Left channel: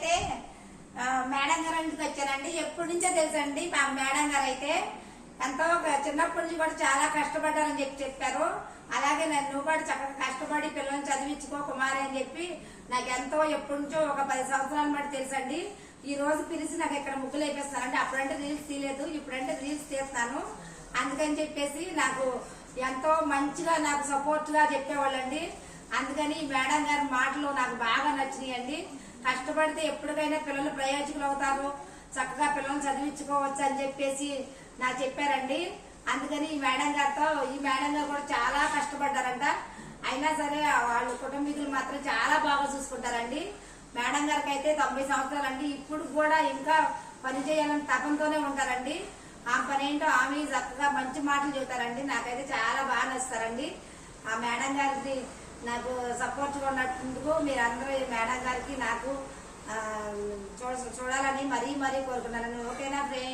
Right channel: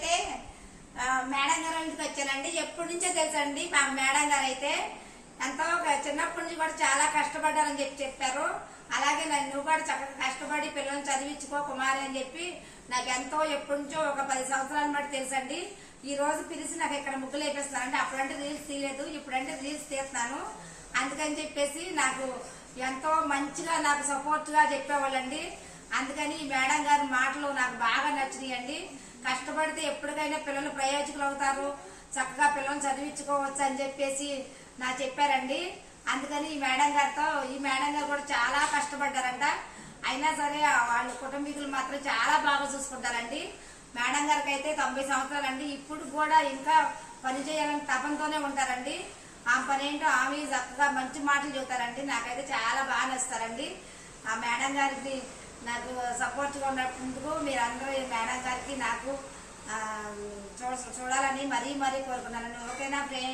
అయితే మేడం గారు ఇంటికి వచ్చానండి. ఎప్పటి నుంచో తెలుసండి మా మేడం గారు అయితే ఎంతో చిన్నప్పటి నుంచి కూడా చాలా కష్టపడ్డారని చెప్పారు. అలాగే నువ్వు కూడా చక్కగా కష్టపడి పిల్లల్ని చదివించుకో కుమారి అని చెప్పి నాకు ఎంతో ఎప్పటి నుంచో ఒక 10 సంవత్సరాల బట్టి తెలుసండి. ఈ రోజు పిలిచి నాకు ఇక్కడ ముగ్గులు వేపిస్తాను అంటే అప్పుడంటే రీల్స్ తీయలేదు, ఇప్పుడంటే రీల్స్ తీస్తున్నాను. అందుకని చెప్పేసి నాకు ఎంతో మంచిగా నాకు సపోర్ట్ గా చెప్పేవాళ్ళండి. అందుకని మేడం గారి మాటలు నాకు బాగా నచ్చినాయండి. కష్టపడితే ఎప్పటికైనా పిల్లలు ప్రయోజకులు అవుతారు, చక్కగా పిల్లల్ని చదివించుకోవచ్చు అని చెప్పేసి నాకు చెప్పారండి. అందుకని ఈ మేడం గారు కూడా చాలా కష్టపడ్డారంట. అయినా సరే వాళ్ళు కుటుంబీకులు మాత్రం చాలా బాగా చూసుకుంటారండి. మేడం గారికి అయితే 90 సంవత్సరాలండి. ఇప్పుడు కూడా ఇంకా పని చేయాలని తపంతోనే ఉంటారండి. ఆ పని ఏంటో ఆమె చక్కగా మంచి మాటలు చెబుతారండి. నాకైతే చాలా బాగా నచ్చుతారండి. ఆ మేడం గారికి నాకు సపోర్ట్ గా ఉన్నందుకు మీరు అందరూ మేడం గారికి నాకు చూడాలని మరీ కోరుకున్నానండి. ఓకేనా ఫ్రెండ్స్?